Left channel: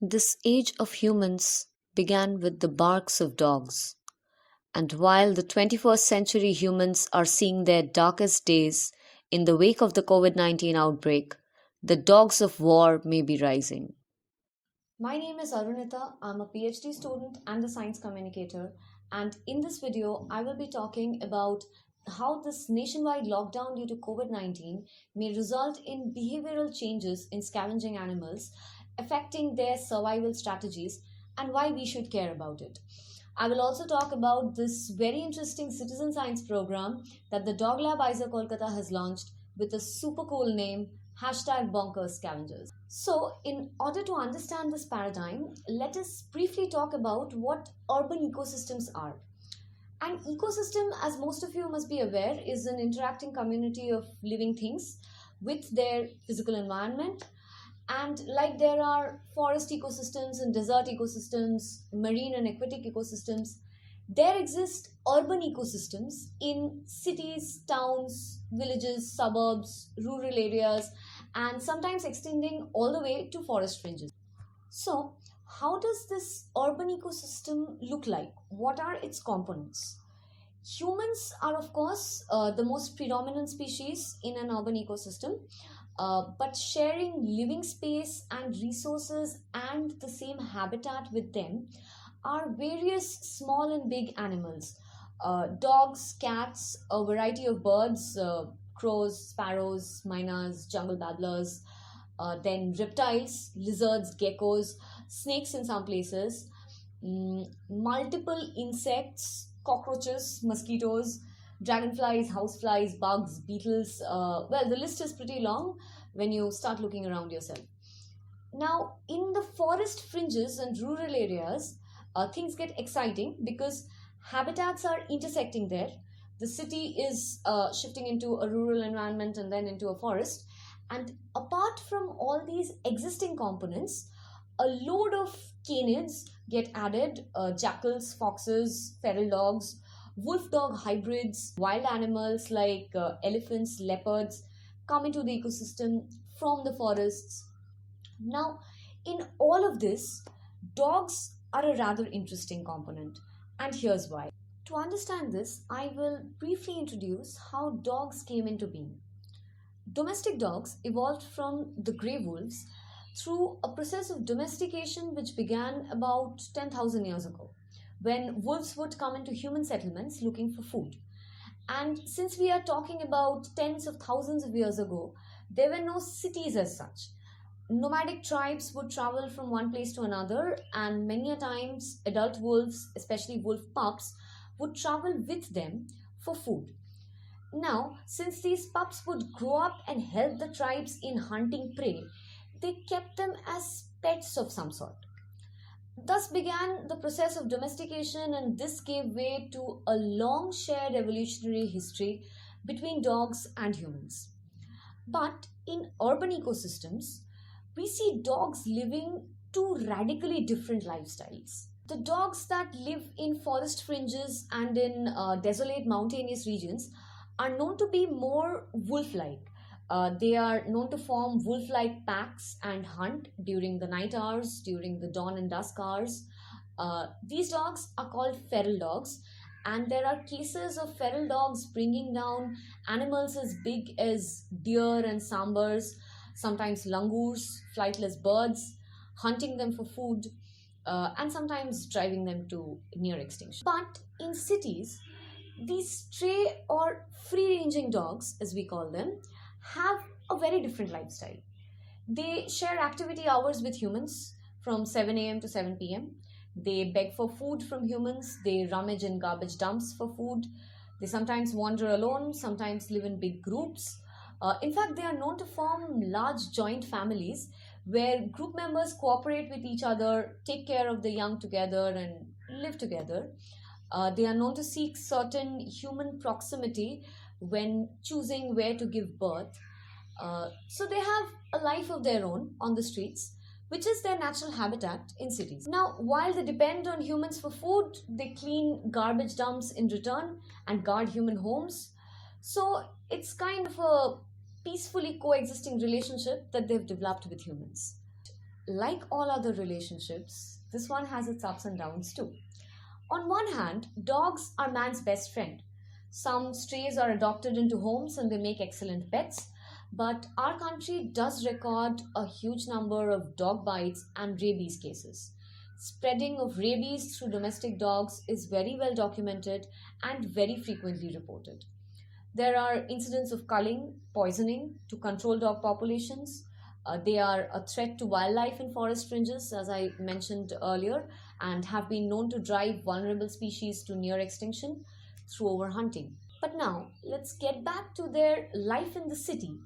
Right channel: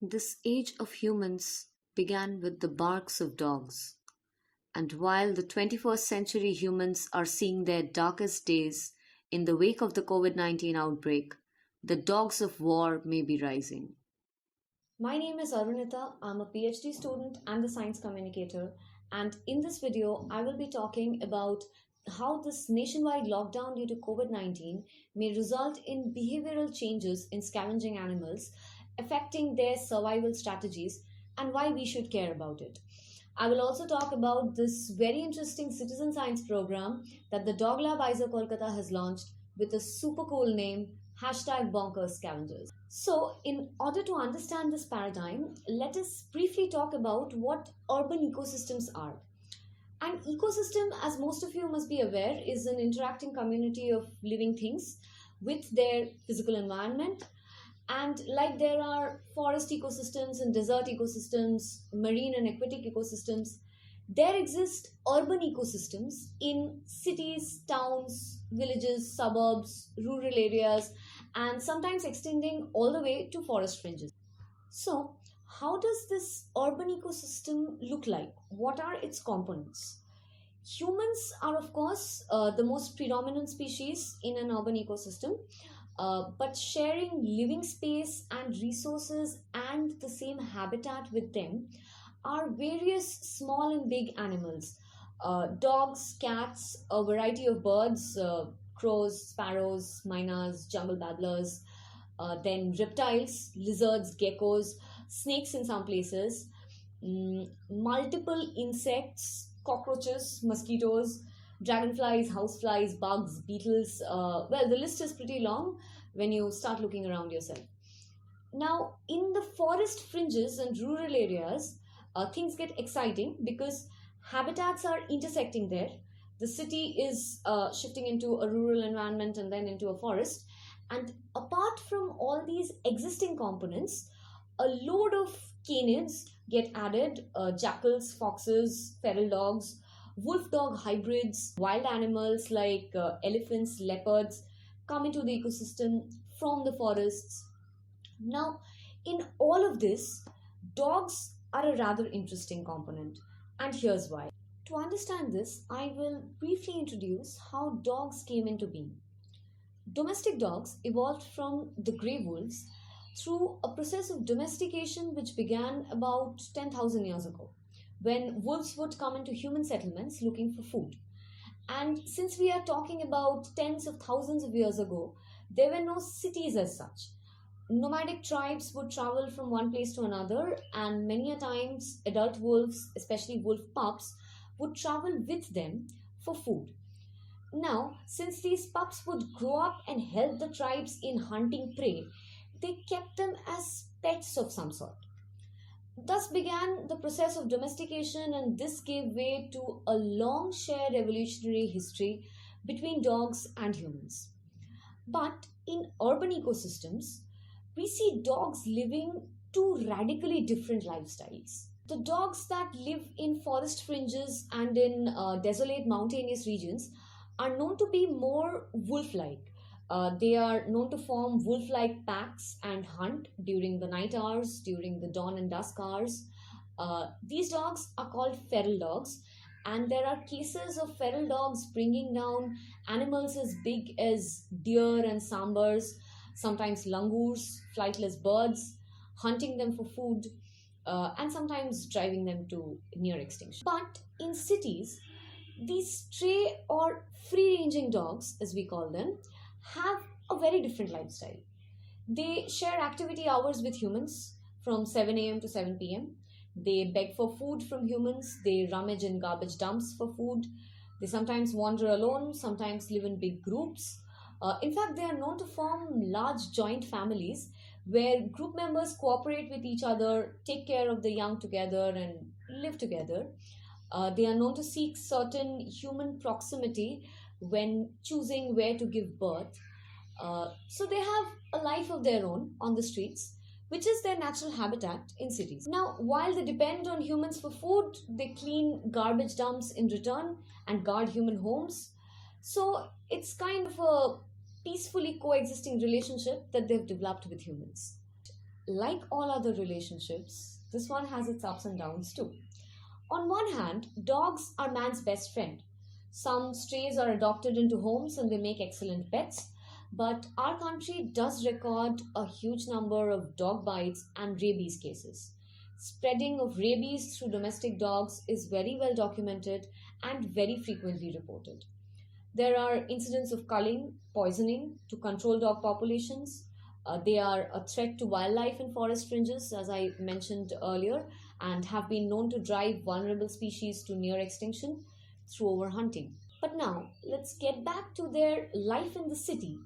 This age of humans began with the barks of dogs, and while the 21st century humans are seeing their darkest days in the wake of the COVID 19 outbreak, the dogs of war may be rising. My name is Arunita. I'm a PhD student and a science communicator. And in this video, I will be talking about how this nationwide lockdown due to COVID 19 may result in behavioral changes in scavenging animals, affecting their survival strategies, and why we should care about it. I will also talk about this very interesting citizen science program that the Dog Lab ISA Kolkata has launched with a super cool name, Bonkers Scavengers. So, in order to understand this paradigm, let us briefly talk about what urban ecosystems are. An ecosystem, as most of you must be aware, is an interacting community of living things with their physical environment. And like there are forest ecosystems and desert ecosystems, marine and aquatic ecosystems, there exist urban ecosystems in cities, towns, villages, suburbs, rural areas, and sometimes extending all the way to forest fringes. So, how does this urban ecosystem look like? What are its components? Humans are, of course, the most predominant species in an urban ecosystem, but sharing living space and resources and the same habitat with them are various small and big animals, dogs, cats, a variety of birds, crows, sparrows, mynas, jungle babblers, then reptiles, lizards, geckos, snakes in some places, multiple insects, cockroaches, mosquitoes, dragonflies, houseflies, bugs, beetles. Well, the list is pretty long when you start looking around yourself. Now, in the forest fringes and rural areas, things get exciting because habitats are intersecting there. The city is shifting into a rural environment and then into a forest. And apart from all these existing components, a load of canids get added, jackals, foxes, feral dogs, wolf dog hybrids, wild animals like elephants, leopards come into the ecosystem from the forests. Now, in all of this, dogs are a rather interesting component, and here's why. To understand this, I will briefly introduce how dogs came into being. Domestic dogs evolved from the grey wolves through a process of domestication which began about 10,000 years ago, when wolves would come into human settlements looking for food. And since we are talking about tens of thousands of years ago, there were no cities as such. Nomadic tribes would travel from one place to another, and many a times adult wolves, especially wolf pups, would travel with them for food. Now, since these pups would grow up and help the tribes in hunting prey, they kept them as pets of some sort. Thus began the process of domestication, and this gave way to a long shared evolutionary history between dogs and humans. But in urban ecosystems, we see dogs living two radically different lifestyles. The dogs that live in forest fringes and in desolate mountainous regions are known to be more wolf like. They are known to form wolf like packs and hunt during the night hours, during the dawn and dusk hours. These dogs are called feral dogs, and there are cases of feral dogs bringing down animals as big as deer and sambars, sometimes langurs, flightless birds, hunting them for food, and sometimes driving them to near extinction. But in cities, these stray or free ranging dogs, as we call them, have a very different lifestyle. They share activity hours with humans from 7 a.m. to 7 p.m. They beg for food from humans, they rummage in garbage dumps for food. They sometimes wander alone, sometimes live in big groups. In fact, they are known to form large joint families where group members cooperate with each other, take care of the young together, and live together. They are known to seek certain human proximity when choosing where to give birth. So they have a life of their own on the streets, which is their natural habitat in cities. Now, while they depend on humans for food, they clean garbage dumps in return and guard human homes. So it's kind of a peacefully coexisting relationship that they've developed with humans. like all other relationships, this one has its ups and downs too. On one hand, dogs are man's best friend. Some strays are adopted into homes and they make excellent pets, but our country does record a huge number of dog bites and rabies cases. Spreading of rabies through domestic dogs is very well documented and very frequently reported. There are incidents of culling, poisoning to control dog populations. They are a threat to wildlife in forest fringes, as I mentioned earlier, and have been known to drive vulnerable species to near extinction through overhunting. But now, let's get back to their life in the city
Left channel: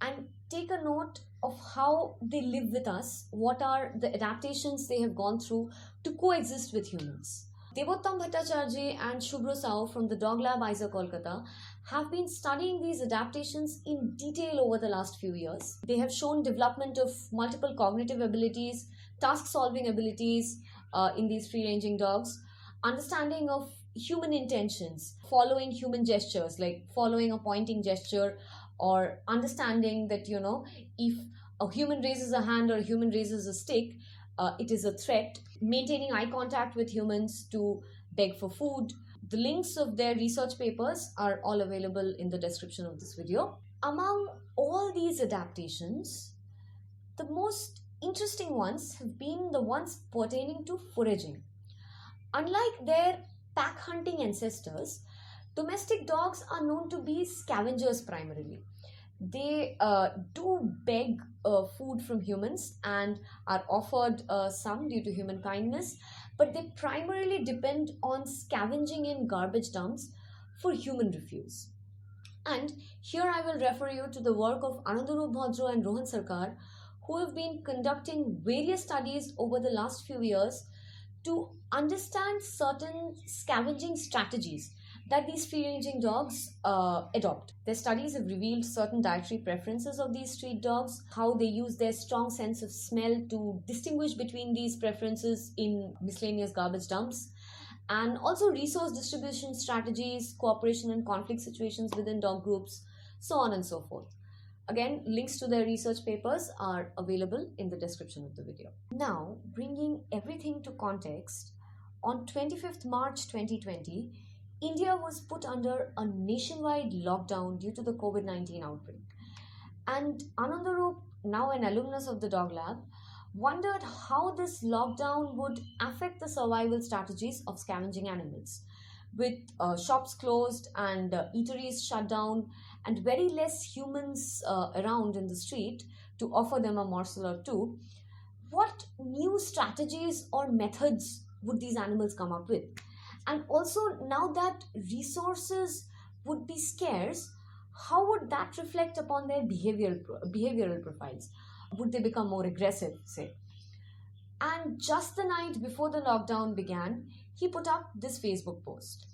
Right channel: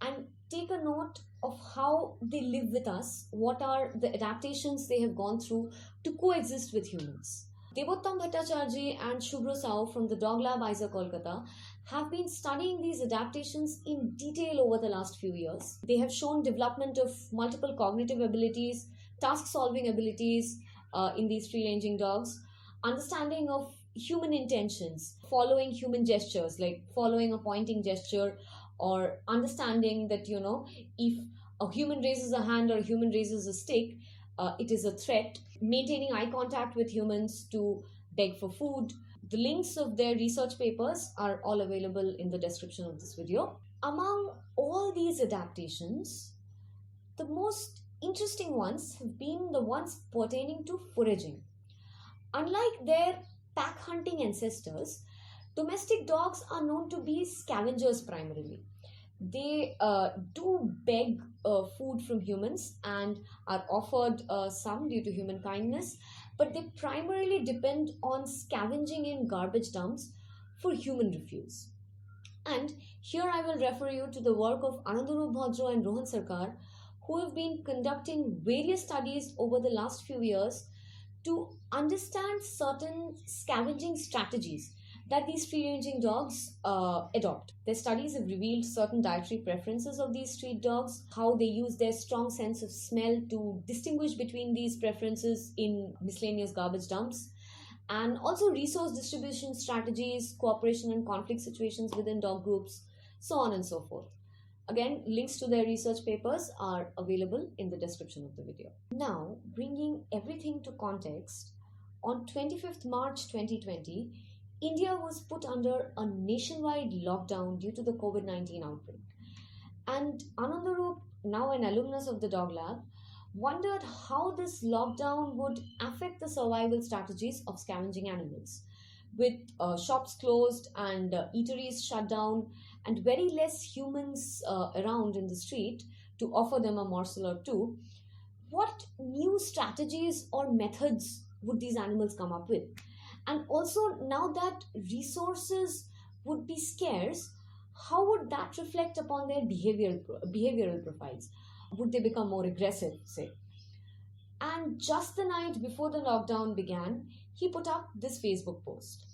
and take a note of how they live with us, what are the adaptations they have gone through to coexist with humans. Devottam Bhattacharjee and Shubhra Sao from the Dog Lab ISA Kolkata have been studying these adaptations in detail over the last few years. They have shown development of multiple cognitive abilities, task solving abilities in these free ranging dogs, understanding of human intentions, following human gestures like following a pointing gesture, or understanding that, if a human raises a hand or a human raises a stick, it is a threat, maintaining eye contact with humans to beg for food. The links of their research papers are all available in the description of this video. Among all these adaptations, the most interesting ones have been the ones pertaining to foraging. Unlike their pack hunting ancestors, domestic dogs are known to be scavengers primarily. They do beg food from humans and are offered some due to human kindness, but they primarily depend on scavenging in garbage dumps for human refuse. And here I will refer you to the work of Anandaroop Bhadro and Rohan Sarkar, who have been conducting various studies over the last few years to understand certain scavenging strategies that these free-ranging dogs adopt. Their studies have revealed certain dietary preferences of these street dogs, how they use their strong sense of smell to distinguish between these preferences in miscellaneous garbage dumps, and also resource distribution strategies, cooperation and conflict situations within dog groups, so on and so forth. Again, links to their research papers are available in the description of the video. Now, bringing everything to context, on 25th March 2020, India was put under a nationwide lockdown due to the COVID-19 outbreak. And Anandaroop, now an alumnus of the Dog Lab, wondered how this lockdown would affect the survival strategies of scavenging animals. With shops closed and eateries shut down and very less humans around in the street to offer them a morsel or two, what new strategies or methods would these animals come up with? And also, now that resources would be scarce, how would that reflect upon their behavioral profiles? Would they become more aggressive, say? And just the night before the lockdown began, he put up this Facebook post.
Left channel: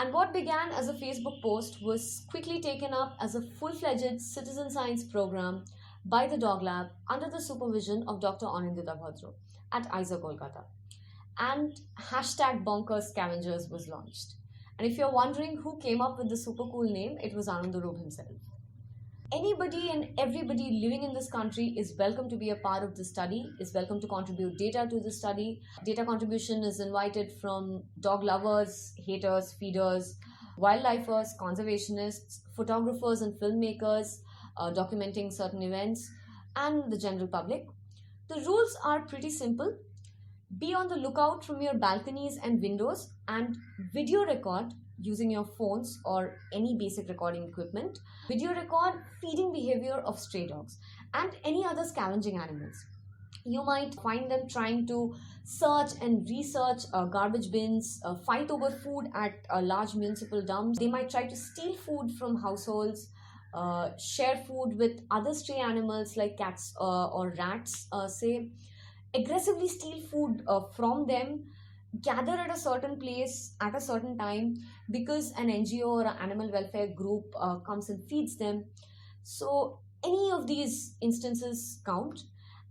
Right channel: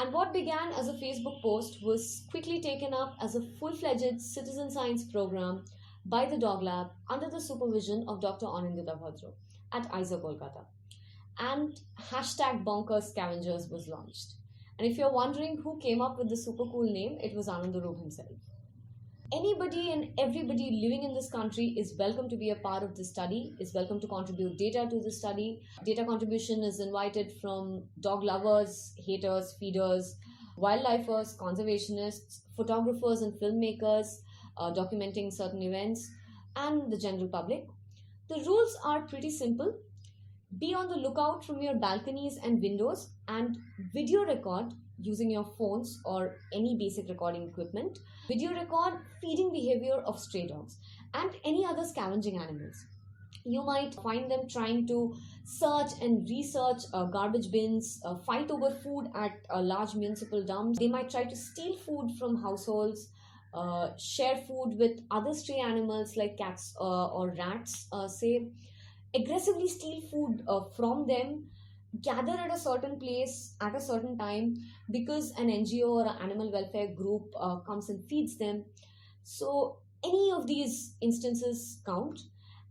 And what began as a Facebook post was quickly taken up as a full-fledged citizen science program by the Dog Lab under the supervision of Dr. Anindita Bhadro at ISA Kolkata. And hashtag Bonkers Scavengers was launched. And if you're wondering who came up with the super cool name, it was Anandaroop himself. Anybody and everybody living in this country is welcome to be a part of this study, is welcome to contribute data to the study. Data contribution is invited from dog lovers, haters, feeders, wildlifers, conservationists, photographers and filmmakers documenting certain events, and the general public. The rules are pretty simple. Be on the lookout from your balconies and windows and video record using your phones or any basic recording equipment. Video record feeding behavior of stray dogs and any other scavenging animals. You might find them trying to search and research garbage bins, fight over food at large municipal dumps. They might try to steal food from households, share food with other stray animals like cats or rats, say, aggressively steal food from them, gather at a certain place at a certain time because an NGO or an animal welfare group comes and feeds them. So any of these instances count,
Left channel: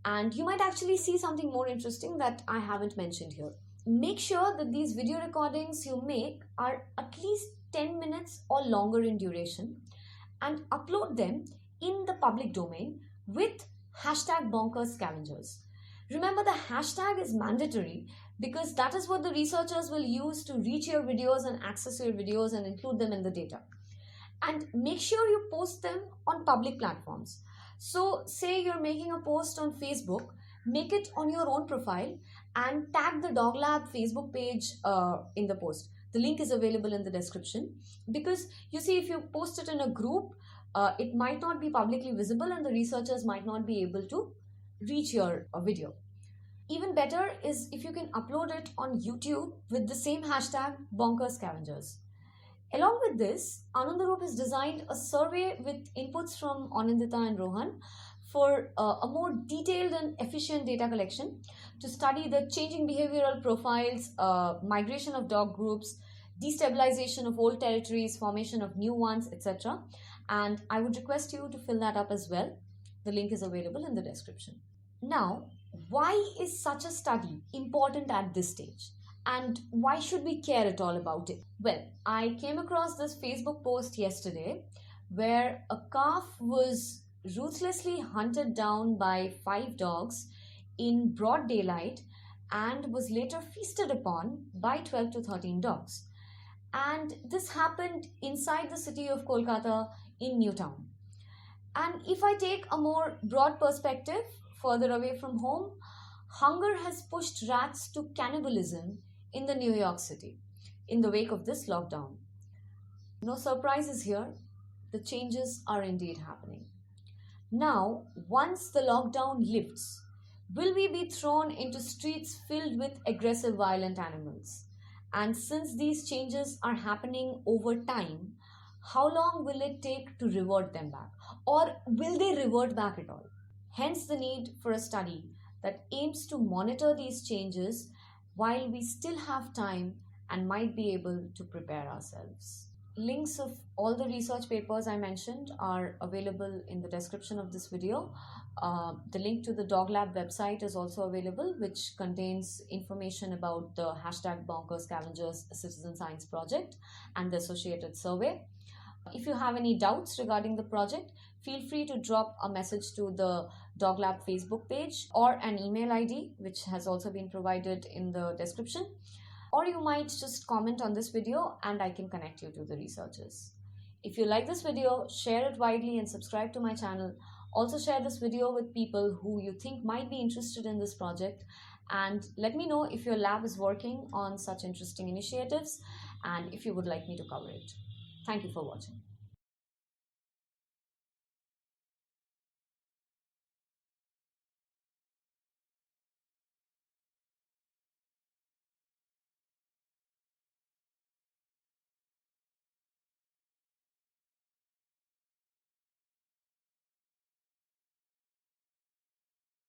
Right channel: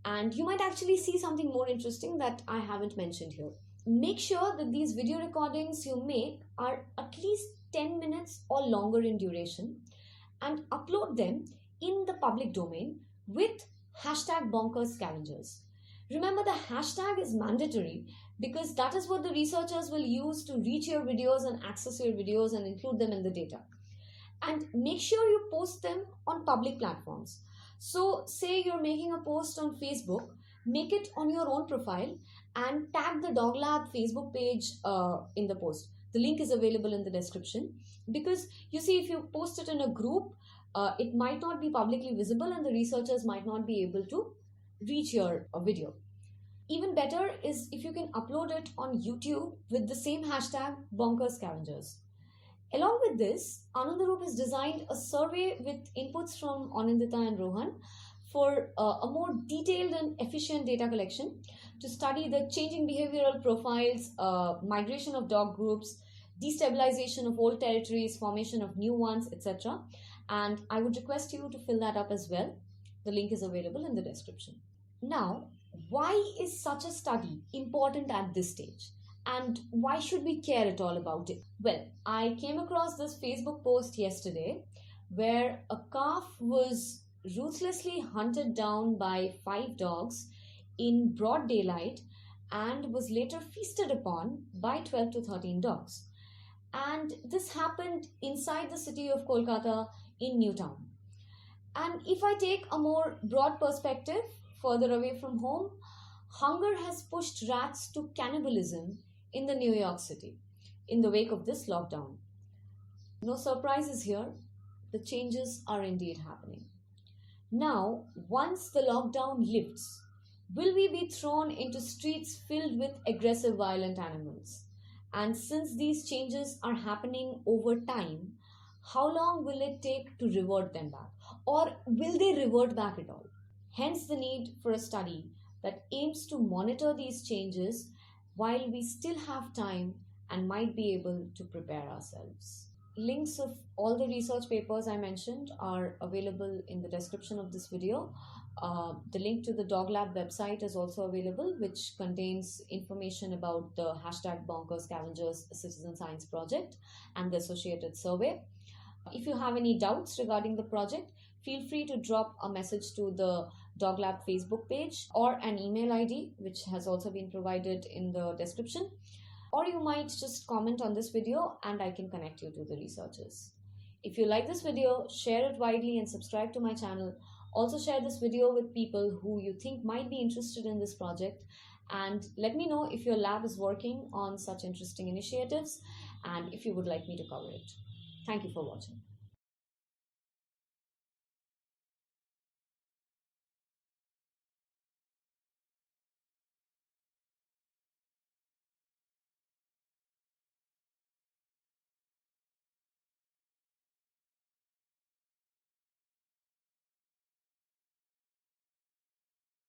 and you might actually see something more interesting that I haven't mentioned here. Make sure that these video recordings you make are at least 10 minutes or longer in duration and upload them in the public domain with hashtag Bonkers Scavengers. Remember, the hashtag is mandatory because that is what the researchers will use to reach your videos and access your videos and include them in the data. And make sure you post them on public platforms. So, say you're making a post on Facebook, make it on your own profile and tag the Dog Lab Facebook page in the post. The link is available in the description because you see, if you post it in a group, it might not be publicly visible and the researchers might not be able to reach your video. Even better is if you can upload it on YouTube with the same hashtag Bonkers Scavengers. Along with this, Anandaroop has designed a survey with inputs from Anindita and Rohan for a more detailed and efficient data collection to study the changing behavioral profiles, migration of dog groups, destabilization of old territories, formation of new ones, etc. And I would request you to fill that up as well. The link is available in the description. Now, why is such a study important at this stage? And why should we care at all about it? Well, I came across this Facebook post yesterday where a calf was ruthlessly hunted down by 5 dogs in broad daylight and was later feasted upon by 12 to 13 dogs. And this happened inside the city of Kolkata in Newtown. And if I take a more broad perspective, further away from home, hunger has pushed rats to cannibalism in the New York City in the wake of this lockdown. No surprises here, the changes are indeed happening. Now, once the lockdown lifts, will we be thrown into streets filled with aggressive, violent animals? And since these changes are happening over time, how long will it take to revert them back? Or will they revert back at all? Hence the need for a study that aims to monitor these changes while we still have time and might be able to prepare ourselves. Links of all the research papers I mentioned are available in the description of this video. The link to the Dog Lab website is also available, which contains information about the hashtag Bonkers Scavengers Citizen Science Project and the associated survey. If you have any doubts regarding the project, feel free to drop a message to the Dog Lab Facebook page or an email ID, which has also been provided in the description. Or you might just comment on this video and I can connect you to the researchers. If you like this video, share it widely and subscribe to my channel. Also share this video with people who you think might be interested in this project, and let me know if your lab is working on such interesting initiatives and if you would like me to cover it. Thank you for watching.